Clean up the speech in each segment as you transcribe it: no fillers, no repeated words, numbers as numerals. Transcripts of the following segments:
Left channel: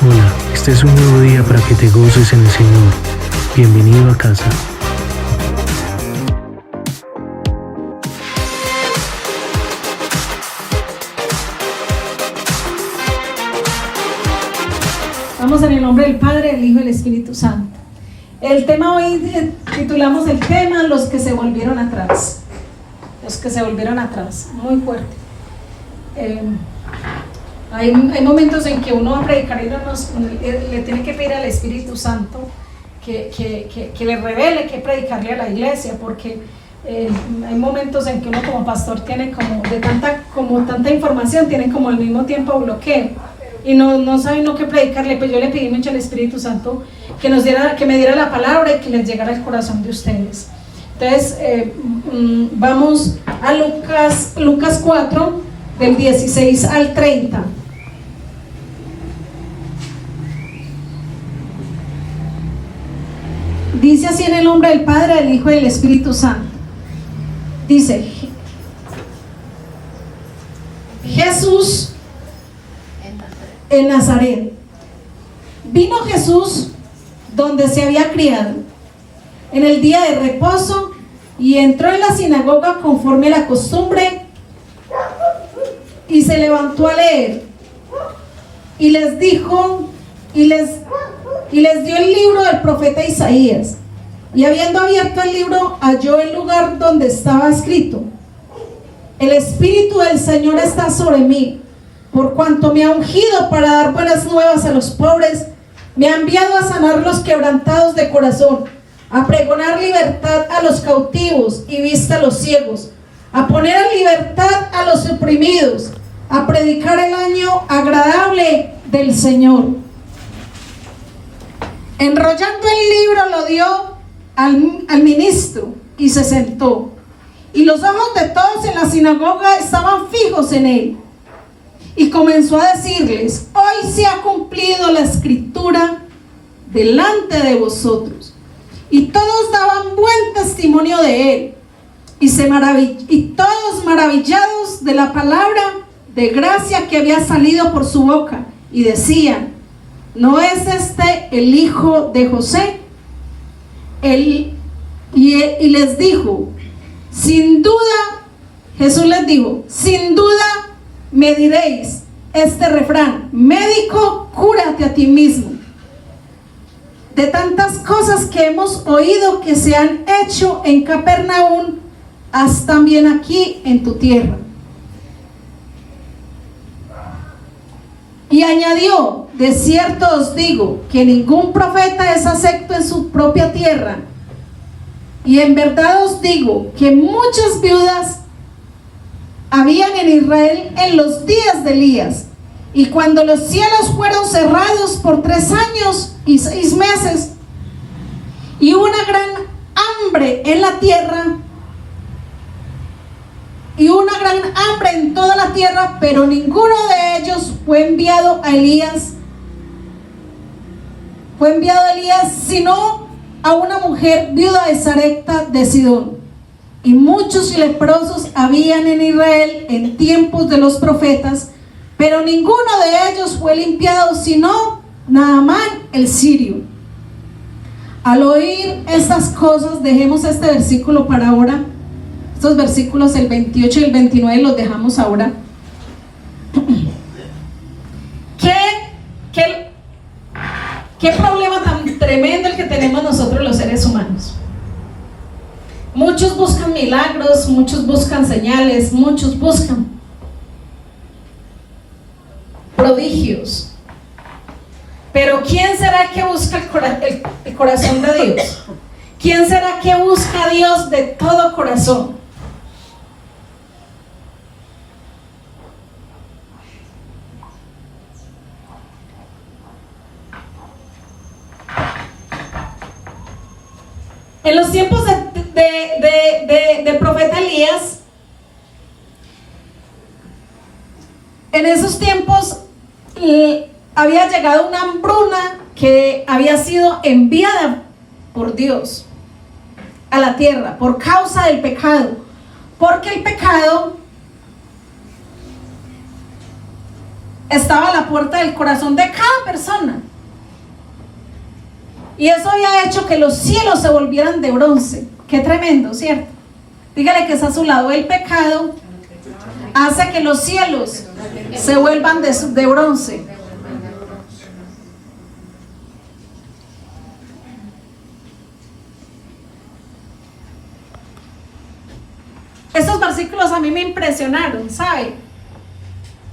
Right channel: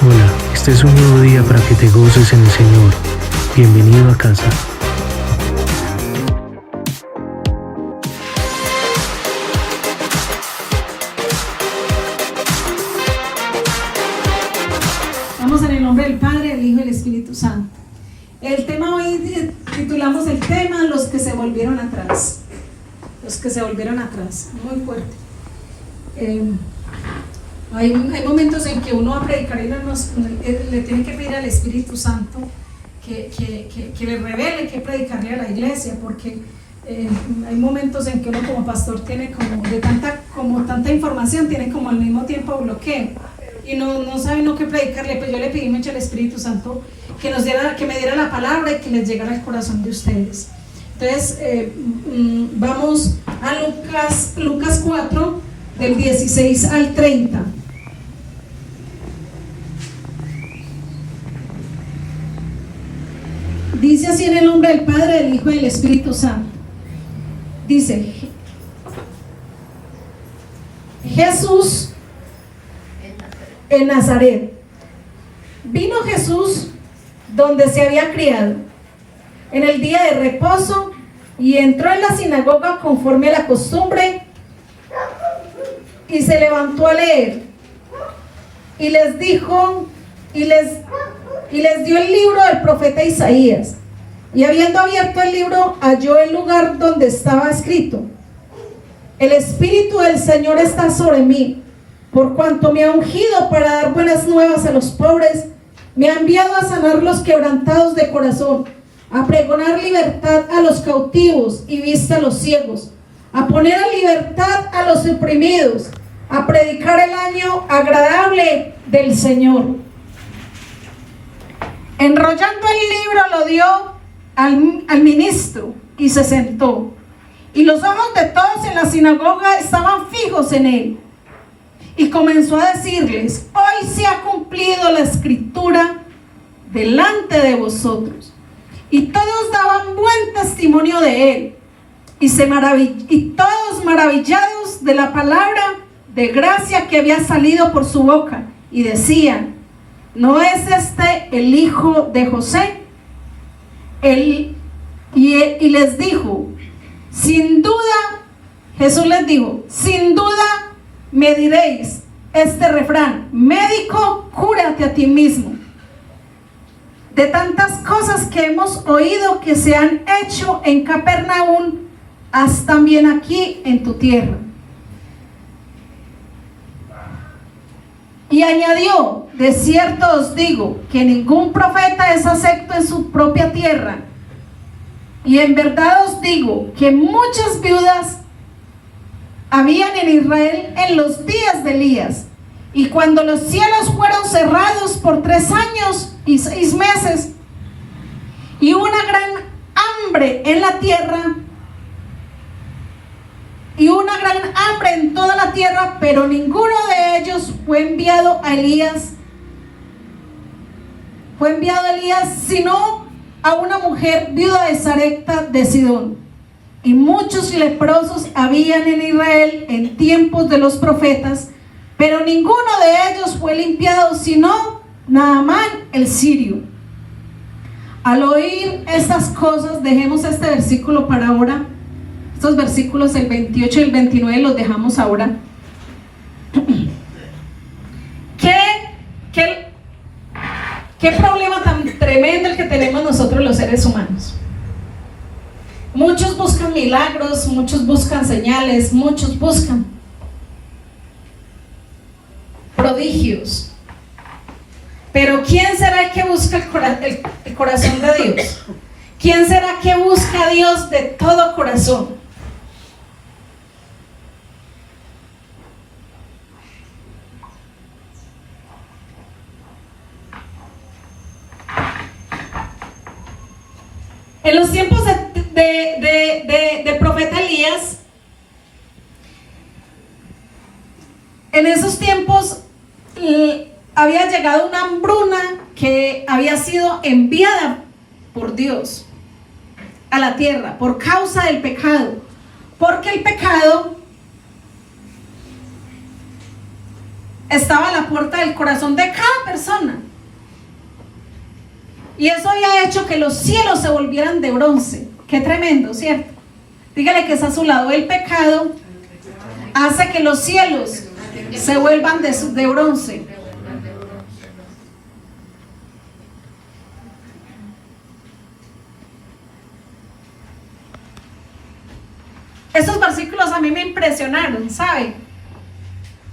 Hola, este es un nuevo día para que te goces en el Señor. Bienvenido a casa. Vamos en el nombre del Padre, del Hijo y del Espíritu Santo. El tema hoy titulamos el tema Los que se volvieron atrás. Los que se volvieron atrás, muy fuerte. Hay momentos en que uno va a predicar y le tiene que pedir al Espíritu Santo que le revele qué predicarle a la iglesia, porque hay momentos en que uno como pastor tiene como tanta información, tiene como al mismo tiempo bloqueo y no sabe uno qué predicarle. Pues yo le pedí mucho al Espíritu Santo que me diera la palabra y que les llegara al corazón de ustedes. Entonces vamos a Lucas 4 del 16 al 30. Dice así en el nombre del Padre, del Hijo y del Espíritu Santo. Dice: Jesús en Nazaret. Vino Jesús donde se había criado, en el día de reposo, y entró en la sinagoga conforme a la costumbre, y se levantó a leer. Y les dijo, y les dio el libro del profeta Isaías. Y habiendo abierto el libro, halló el lugar donde estaba escrito: El Espíritu del Señor está sobre mí, por cuanto me ha ungido para dar buenas nuevas a los pobres, me ha enviado a sanar los quebrantados de corazón, a pregonar libertad a los cautivos y vista a los ciegos, a poner en libertad a los oprimidos, a predicar el año agradable del Señor. Enrollando el libro, lo dio al ministro y se sentó. Y los ojos de todos en la sinagoga estaban fijos en él. Y comenzó a decirles: hoy se ha cumplido la escritura delante de vosotros. Y todos daban buen testimonio de él. Y todos maravillados de la palabra de gracia que había salido por su boca. Y decían: ¿no es este el hijo de José? Y les dijo, sin duda, Jesús les dijo: sin duda me diréis este refrán: médico, cúrate a ti mismo. De tantas cosas que hemos oído que se han hecho en Capernaum, haz también aquí en tu tierra. Y añadió: de cierto os digo que ningún profeta es acepto en su propia tierra. Y en verdad os digo que muchas viudas habían en Israel en los días de Elías, y cuando los cielos fueron cerrados por 3 años y 6 meses, y una gran hambre en la tierra, y una gran hambre en toda la tierra, pero ninguno de ellos fue enviado a Elías, sino a una mujer viuda de Sarepta de Sidón. Y muchos leprosos habían en Israel en tiempos de los profetas, pero ninguno de ellos fue limpiado, sino Naamán el sirio. Al oír estas cosas, dejemos este versículo para ahora. Estos versículos, el 28 y el 29, los dejamos ahora. ¿Qué problema tan tremendo el que tenemos nosotros los seres humanos? Muchos buscan milagros, muchos buscan señales, muchos buscan prodigios. Pero ¿quién será el que busca el corazón de Dios? ¿Quién será que busca a Dios de todo corazón? En los tiempos de profeta Elías, en esos tiempos había llegado una hambruna que había sido enviada por Dios a la tierra por causa del pecado, porque el pecado estaba a la puerta del corazón de cada persona. Y eso había hecho que los cielos se volvieran de bronce. Qué tremendo, ¿cierto? Dígale que está a su lado. El pecado hace que los cielos se vuelvan de bronce. Estos versículos a mí me impresionaron, ¿sabe?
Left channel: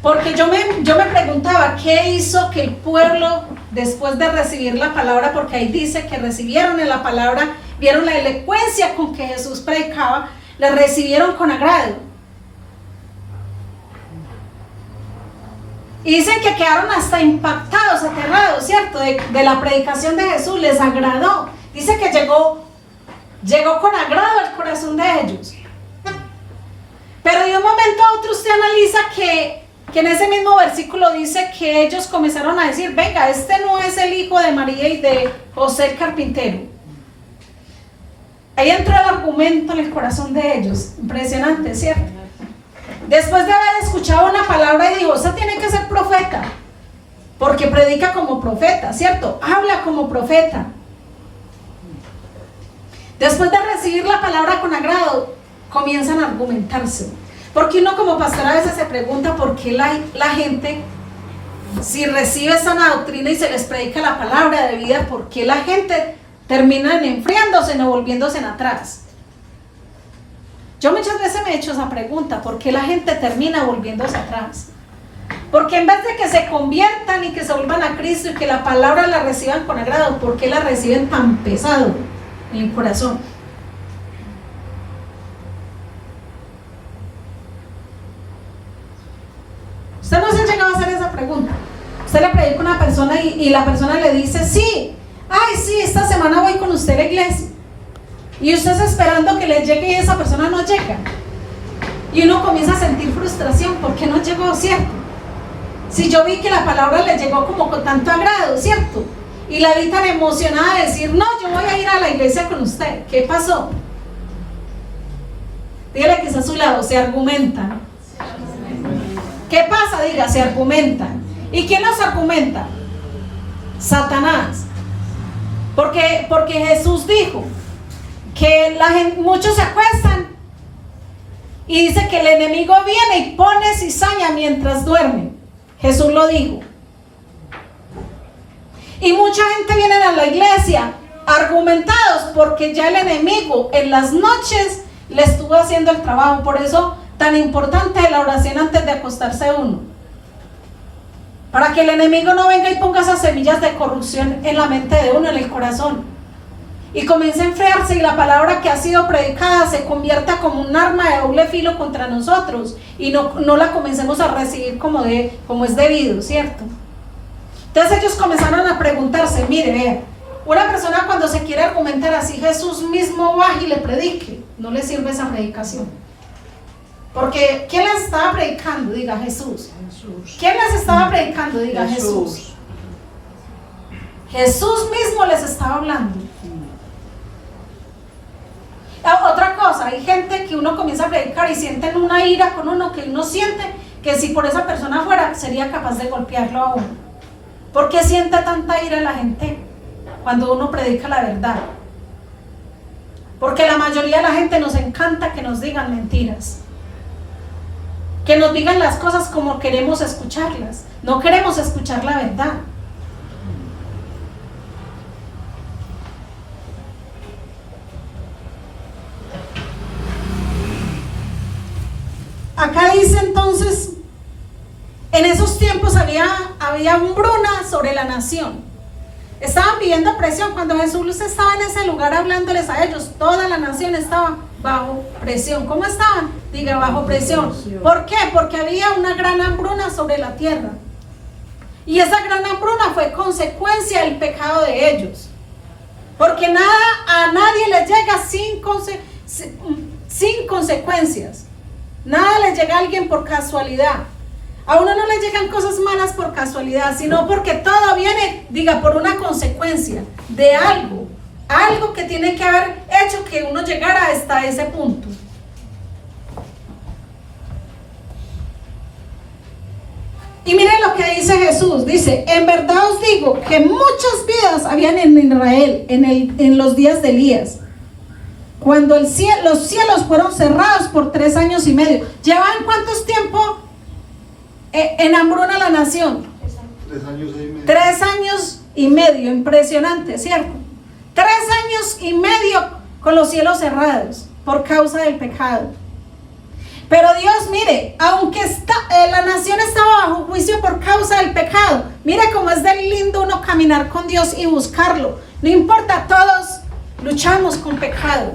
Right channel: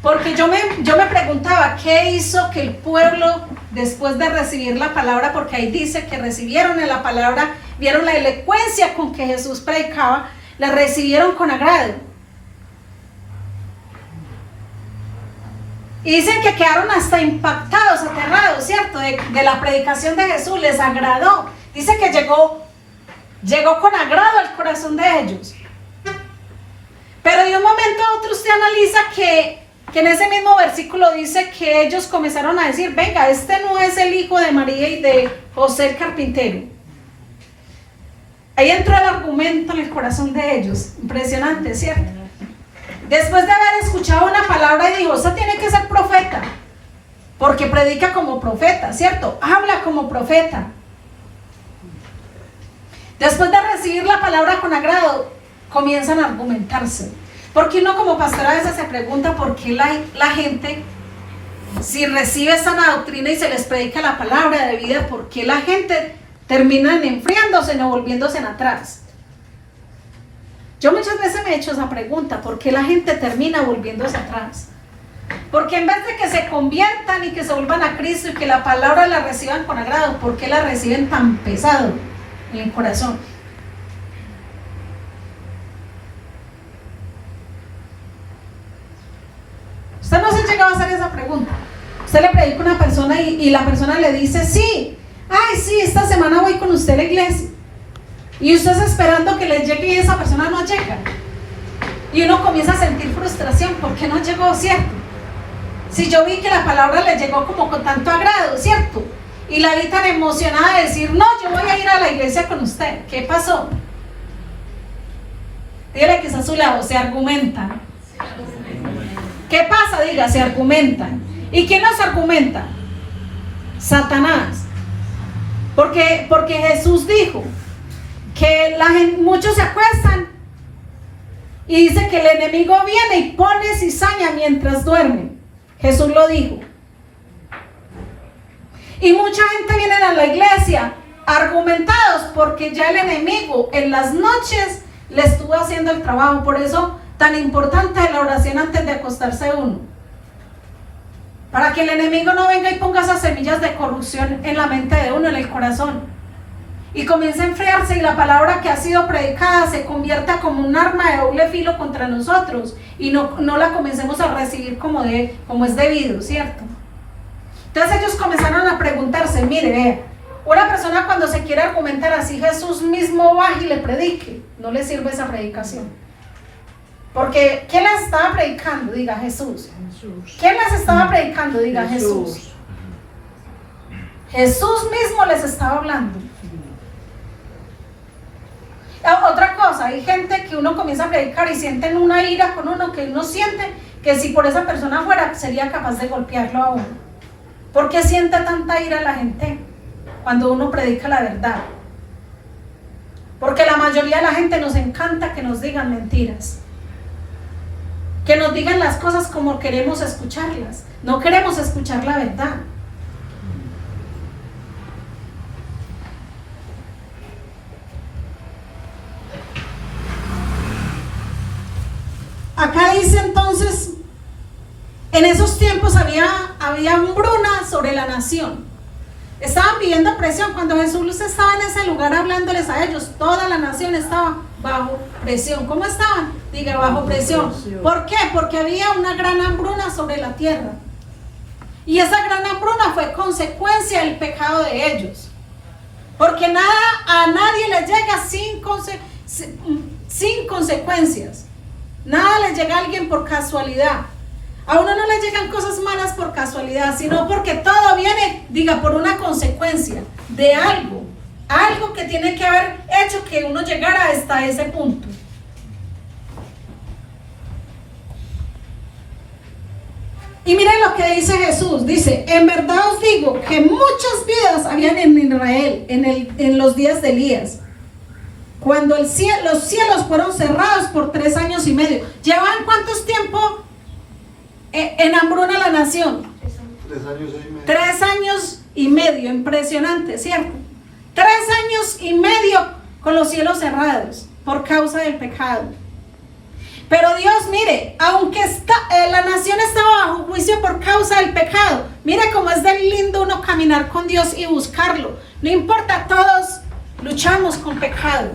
Porque yo me preguntaba, ¿qué hizo que el pueblo, después de recibir la palabra, porque ahí dice que recibieron en la palabra, vieron la elocuencia con que Jesús predicaba, la recibieron con agrado? Y dicen que quedaron hasta impactados, aterrados, ¿cierto? De la predicación de Jesús, les agradó. Dice que llegó con agrado al corazón de ellos. Pero de un momento a otro usted analiza que en ese mismo versículo dice que ellos comenzaron a decir, venga, este no es el hijo de María y de José el carpintero. Ahí entró el argumento en el corazón de ellos. Impresionante, ¿cierto? Después de haber escuchado una palabra y dijo, esa tiene que ser profeta, porque predica como profeta, ¿cierto? Habla como profeta. Después de recibir la palabra con agrado, comienzan a argumentarse. Porque uno como pastor a veces se pregunta por qué la gente, si recibe sana doctrina y se les predica la palabra de vida, por qué la gente termina enfriándose, no volviéndose en atrás. Yo muchas veces me he hecho esa pregunta, ¿por qué la gente termina volviéndose atrás? Porque en vez de que se conviertan y que se vuelvan a Cristo y que la palabra la reciban con agrado, ¿por qué la reciben tan pesado en el corazón? Usted no se ha llegado a hacer esa pregunta. Usted le predica a una persona y la persona le dice, sí, ay, sí, esta semana voy con usted a la iglesia. Y usted está esperando que le llegue y esa persona no llega. Y uno comienza a sentir frustración porque no llegó, ¿cierto? Si yo vi que la palabra le llegó como con tanto agrado, ¿cierto? Y la vi tan emocionada de decir, no, yo voy a ir a la iglesia con usted. ¿Qué pasó? Dígale que está a su lado, se argumenta. ¿Qué pasa? Diga, se argumentan. ¿Y quién nos argumenta? Satanás. Porque Jesús dijo que muchos se acuestan y dice que el enemigo viene y pone cizaña mientras duermen. Jesús lo dijo. Y mucha gente viene a la iglesia argumentados porque ya el enemigo en las noches le estuvo haciendo el trabajo. Por eso tan importante la oración antes de acostarse uno, para que el enemigo no venga y ponga esas semillas de corrupción en la mente de uno, en el corazón, y comience a enfriarse y la palabra que ha sido predicada se convierta como un arma de doble filo contra nosotros y no la comencemos a recibir como es debido, ¿cierto? Entonces ellos comenzaron a preguntarse, mire, vea, una persona cuando se quiere argumentar así, Jesús mismo baja y le predique, no le sirve esa predicación. Porque ¿quién les estaba predicando? Diga Jesús. ¿Quién les estaba predicando? Diga Jesús. Jesús mismo les estaba hablando. Otra cosa, hay gente que uno comienza a predicar y sienten una ira con uno, que uno siente que si por esa persona fuera, sería capaz de golpearlo a uno. ¿Por qué siente tanta ira la gente cuando uno predica la verdad? Porque la mayoría de la gente nos encanta que nos digan mentiras. Que nos digan las cosas como queremos escucharlas. No queremos escuchar la verdad. Acá dice entonces, en esos tiempos había hambruna sobre la nación. Estaban viviendo presión. Cuando Jesús estaba en ese lugar hablándoles a ellos, toda la nación estaba bajo presión. ¿Cómo estaban? Diga, bajo presión. ¿Por qué? Porque había una gran hambruna sobre la tierra. Y esa gran hambruna fue consecuencia del pecado de ellos. Porque a nadie le llega sin consecuencias. Nada le llega a alguien por casualidad. A uno no le llegan cosas malas por casualidad, sino porque todo viene, diga, por una consecuencia de algo que tiene que haber hecho que uno llegara hasta ese punto. Y miren lo que dice Jesús. Dice, en verdad os digo que muchas vidas habían en Israel en los días de Elías, cuando los cielos fueron cerrados por 3 años y medio. ¿Llevaban cuántos tiempo en hambruna la nación? 3 años y medio. 3 años y medio, impresionante, ¿cierto? 3 años y medio con los cielos cerrados por causa del pecado. Pero Dios, mire, aunque la nación estaba bajo juicio por causa del pecado, mire cómo es de lindo uno caminar con Dios y buscarlo. No importa, todos luchamos con pecado.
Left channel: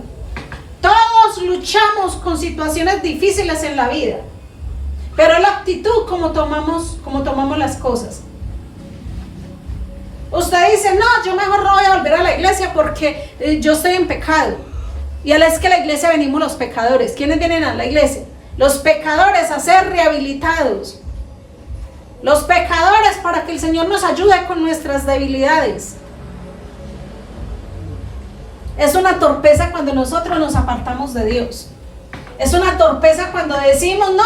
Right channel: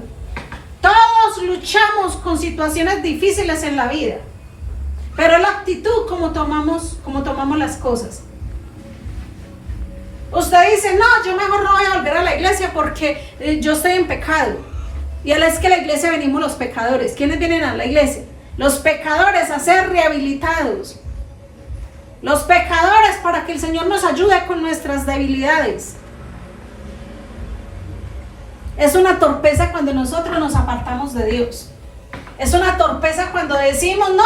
Todos luchamos con situaciones difíciles en la vida. Pero la actitud como tomamos las cosas. Usted dice, no, yo mejor no voy a volver a la iglesia porque yo estoy en pecado. Y a la vez que a la iglesia venimos los pecadores. ¿Quiénes vienen a la iglesia? Los pecadores a ser rehabilitados. Los pecadores para que el Señor nos ayude con nuestras debilidades. Es una torpeza cuando nosotros nos apartamos de Dios. Es una torpeza cuando decimos, no,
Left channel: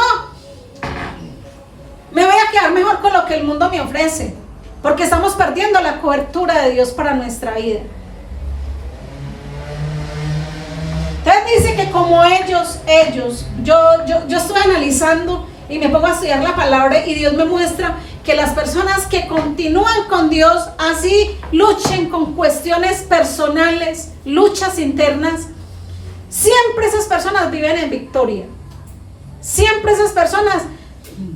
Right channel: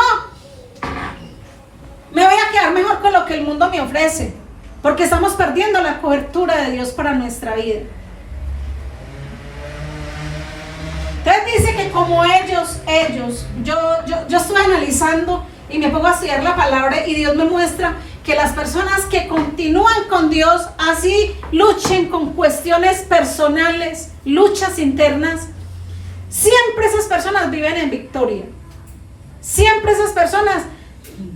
me voy a quedar mejor con lo que el mundo me ofrece. Porque estamos perdiendo la cobertura de Dios para nuestra vida. Entonces dice que como ellos, yo estoy analizando y me pongo a estudiar la palabra y Dios me muestra que las personas que continúan con Dios, así luchen con cuestiones personales, luchas internas, siempre esas personas viven en victoria. Siempre esas personas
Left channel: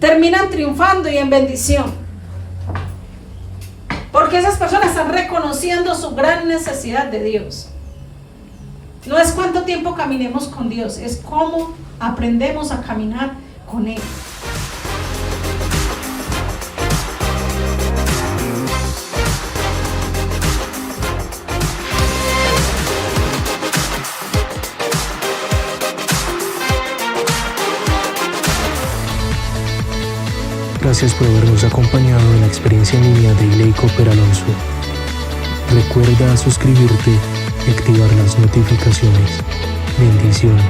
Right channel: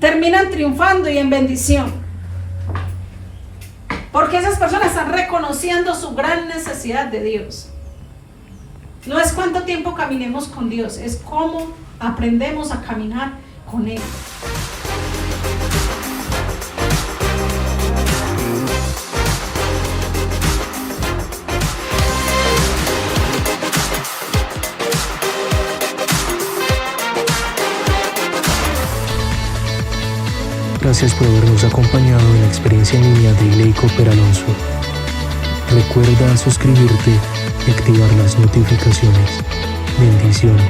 terminan triunfando y en bendición. Porque esas personas están reconociendo su gran necesidad de Dios. No es cuánto tiempo caminemos con Dios, es cómo aprendemos a caminar con Él. Gracias por habernos acompañado en la experiencia en línea de Igley Cooper Alonso. Recuerda suscribirte y activar las notificaciones. Bendiciones.